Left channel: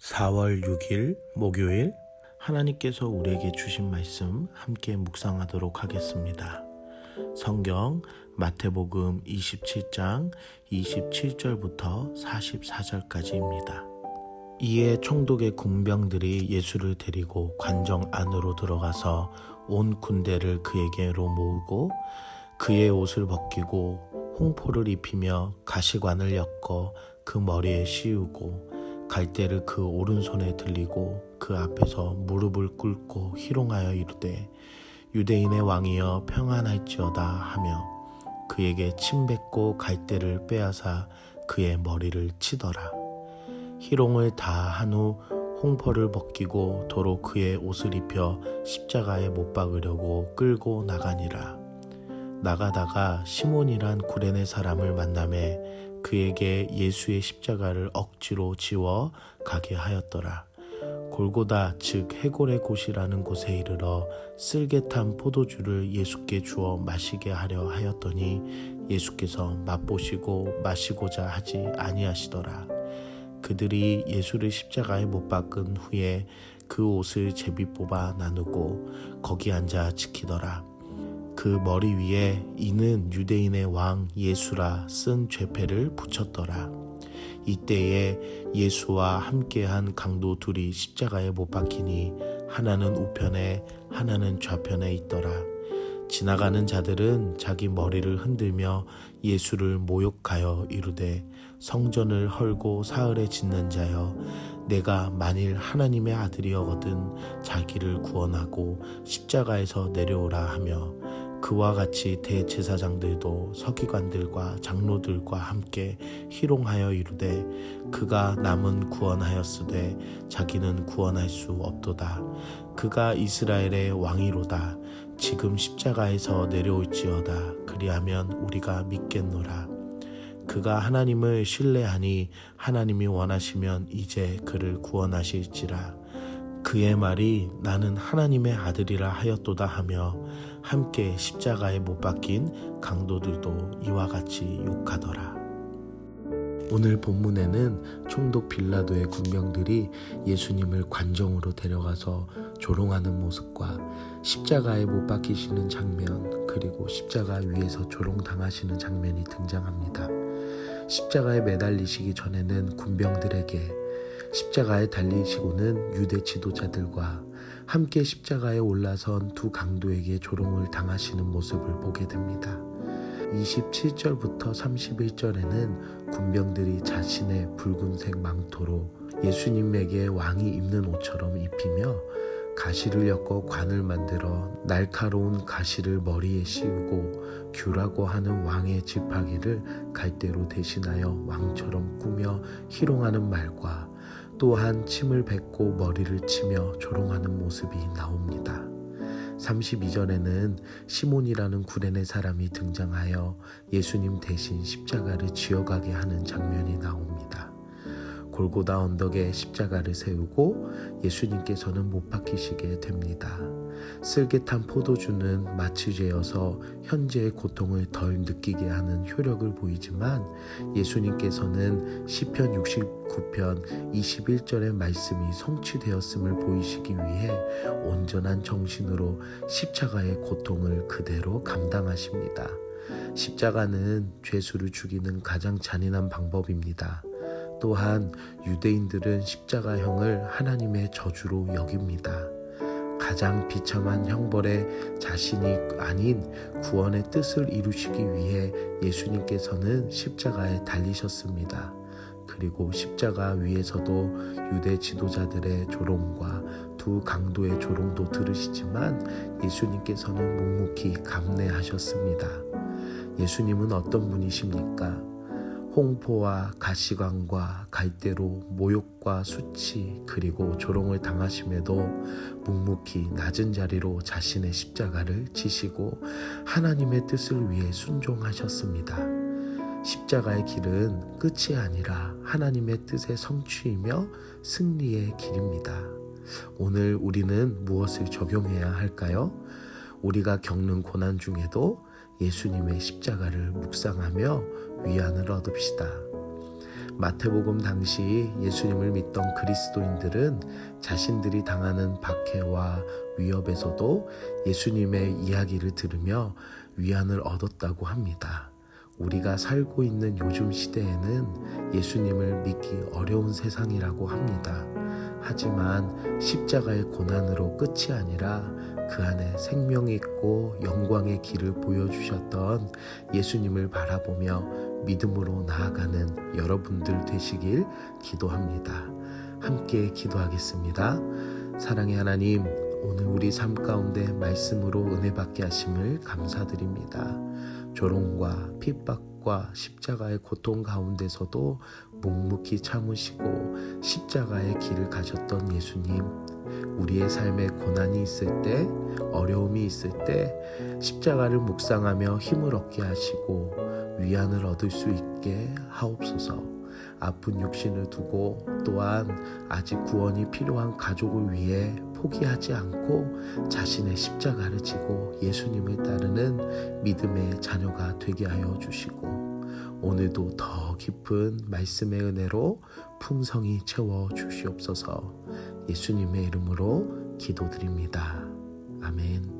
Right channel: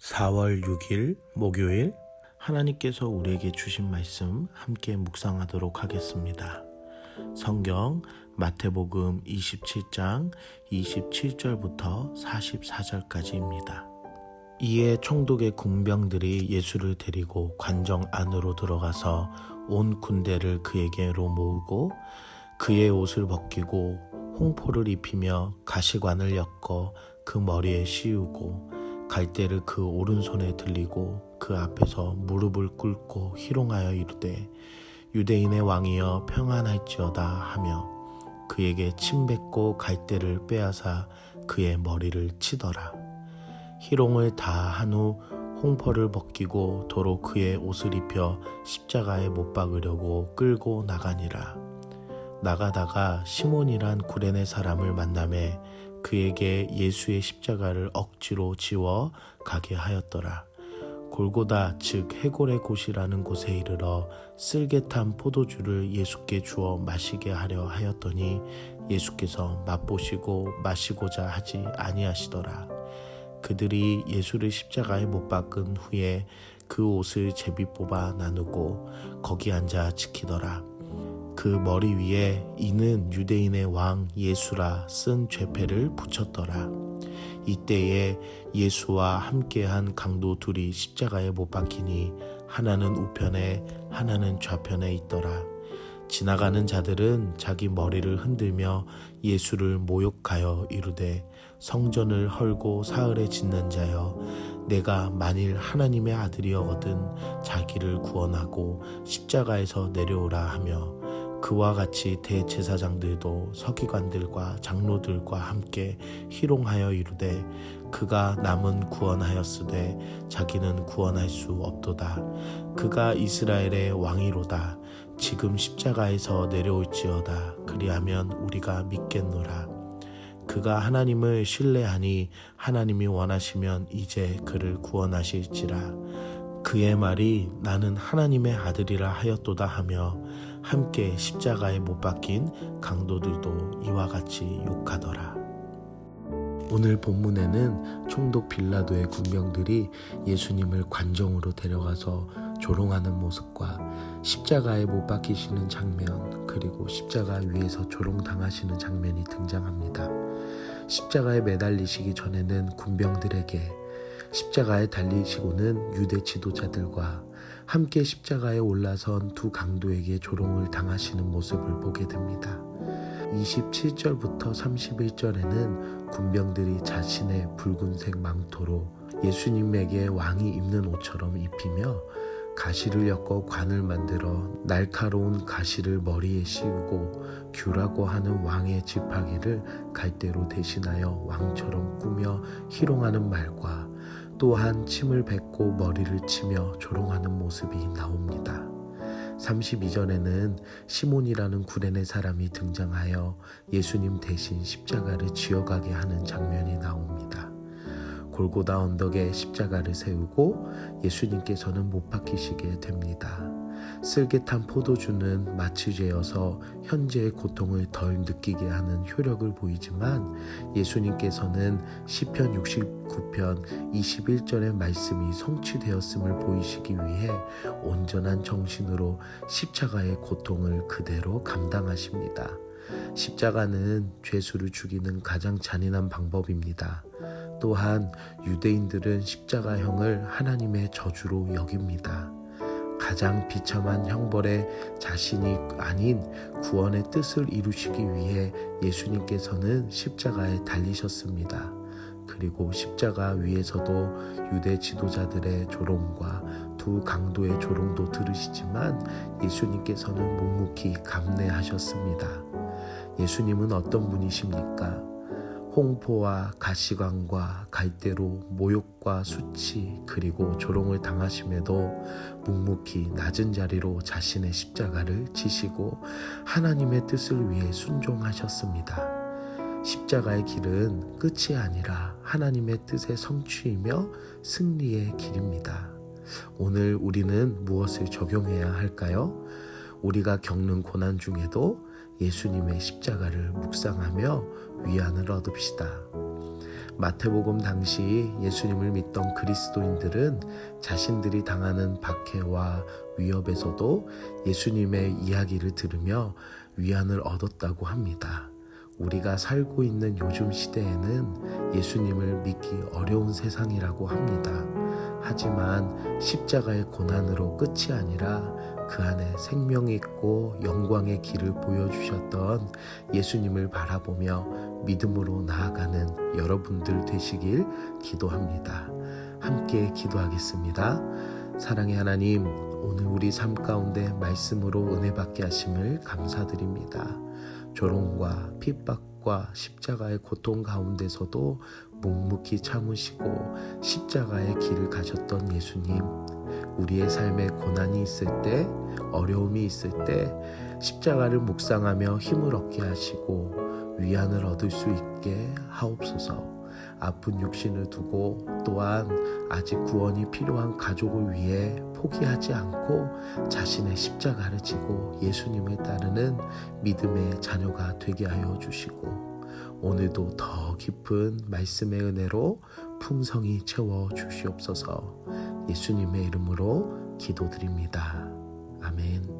4월 6일 목요일 하나님께서 우리에게 주신 말씀 함께 묵상하도록 하겠습니다. 성경 마태복음 27장 27절부터 44절까지입니다. 이에 총독의 군병들이 예수를 데리고 관정 안으로 들어가서 온 군대를 그에게로 모으고 그의 옷을 벗기고 홍포를 입히며 가시관을 엮어 그 머리에 씌우고 갈대를 그 오른손에 들리고 그 앞에서 무릎을 꿇고 희롱하여 이르되 유대인의 왕이여 평안할지어다 하며 그에게 침 뱉고 갈대를 빼앗아 그의 머리를 치더라. 희롱을 다 한 후 홍포를 벗기고 도로 그의 옷을 입혀 십자가에 못 박으려고 끌고 나가니라. 나가다가 시몬이란 구레네 사람을 만나매 그에게 예수의 십자가를 억지로 지워 가게 하였더라. 골고다 즉 해골의 곳이라는 곳에 이르러 쓸개 탄 포도주를 예수께 주어 마시게 하려 하였더니 예수께서 맛보시고 마시고자 하지 아니하시더라. 그들이 예수를 십자가에 못 박은 후에 그 옷을 제비 뽑아 나누고 거기 앉아 지키더라. 그 머리 위에 이는 유대인의 왕 예수라 쓴 죄패를 붙였더라. 이때에 예수와 함께한 강도 둘이 십자가에 못 박히니 하나는 우편에 하나는 좌편에 있더라. 지나가는 자들은 자기 머리를 흔들며 예수를 모욕하여 이르되 성전을 헐고 사흘에 짓는 자여 내가 만일 하나님의 아들이여거든 자기를 구원하고 십자가에서 내려오라 하며 그와 같이 대제사장들도 서기관들과 장로들과 함께 희롱하여 이르되 그가 남은 구원하였으되 자기는 구원할 수 없도다. 그가 이스라엘의 왕이로다. 지금 십자가에서 내려올지어다. 그리하면 우리가 믿겠노라. 그가 하나님을 신뢰하니 하나님이 원하시면 이제 그를 구원하실지라. 그의 말이 나는 하나님의 아들이라 하였도다 하며 함께 십자가에 못 박힌 강도들도 이와 같이 욕하더라. 오늘 본문에는 총독 빌라도의 군병들이 예수님을 관정으로 데려가서 조롱하는 모습과 십자가에 못 박히시는 장면, 그리고 십자가 위에서 조롱당하시는 장면이 등장합니다. 십자가에 매달리시기 전에는 군병들에게, 십자가에 달리시고는 유대 지도자들과 함께 십자가에 올라선 두 강도에게 조롱을 당하시는 모습을 보게 됩니다. 27절부터 31절에는 군병들이 자신의 붉은색 망토로 예수님에게 왕이 입는 옷처럼 입히며 가시를 엮어 관을 만들어 날카로운 가시를 머리에 씌우고 규라고 하는 왕의 지팡이를 갈대로 대신하여 왕처럼 꾸며 희롱하는 말과 또한 침을 뱉고 머리를 치며 조롱하는 모습이 나옵니다. 32절에는 시몬이라는 구레네 사람이 등장하여 예수님 대신 십자가를 지어가게 하는 장면이 나옵니다. 골고다 언덕에 십자가를 세우고 예수님께서는 못 박히시게 됩니다. 쓸개 탄 포도주는 마치 죄여서 현재의 고통을 덜 느끼게 하는 효력을 보이지만 예수님께서는 시편 69편 21절의 말씀이 성취되었음을 보이시기 위해 온전한 정신으로 십자가의 고통을 그대로 감당하십니다. 십자가는 죄수를 죽이는 가장 잔인한 방법입니다. 또한 유대인들은 십자가형을 하나님의 저주로 여깁니다. 가장 비참한 형벌에 자신이 아닌 구원의 뜻을 이루시기 위해 예수님께서는 십자가에 달리셨습니다. 그리고 십자가 위에서도 유대 지도자들의 조롱과 두 강도의 조롱도 들으시지만 예수님께서는 묵묵히 감내하셨습니다. 예수님은 어떤 분이십니까? 홍포와 가시관과 갈대로 모욕과 수치 그리고 조롱을 당하심에도 묵묵히 낮은 자리로 자신의 십자가를 지시고 하나님의 뜻을 위해 순종하셨습니다. 십자가의 길은 끝이 아니라 하나님의 뜻의 성취이며 승리의 길입니다. 오늘 우리는 무엇을 적용해야 할까요? 우리가 겪는 고난 중에도 예수님의 십자가를 묵상하며 위안을 얻읍시다. 마태복음 당시 예수님을 믿던 그리스도인들은 자신들이 당하는 박해와 위협에서도 예수님의 이야기를 들으며 위안을 얻었다고 합니다. 우리가 살고 있는 요즘 시대에는 예수님을 믿기 어려운 세상이라고 합니다. 하지만 십자가의 고난으로 끝이 아니라 그 안에 생명이 있고 영광의 길을 보여주셨던 예수님을 바라보며 믿음으로 나아가는 여러분들 되시길 기도합니다. 함께 기도하겠습니다. 사랑의 하나님, 오늘 우리 삶 가운데 말씀으로 은혜 받게 하심을 감사드립니다. 조롱과 핍박과 십자가의 고통 가운데서도 묵묵히 참으시고 십자가의 길을 가셨던 예수님, 우리의 삶에 고난이 있을 때, 어려움이 있을 때 십자가를 묵상하며 힘을 얻게 하시고 위안을 얻을 수 있게 하옵소서. 아픈 육신을 두고 또한 아직 구원이 필요한 가족을 위해 포기하지 않고 자신의 십자가를 지고 예수님을 따르는 믿음의 자녀가 되게 하여 주시고, 오늘도 더 깊은 말씀의 은혜로 풍성히 채워 주시옵소서. 예수님의 이름으로 기도드립니다. 아멘.